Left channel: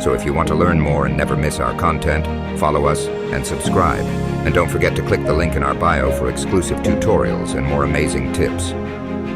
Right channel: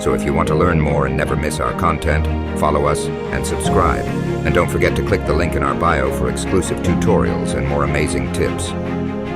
So if you want to learn more and never miss our content, follow us and subscribe. And don't forget to click the link in our bio for exclusive tutorials and more amazing tips.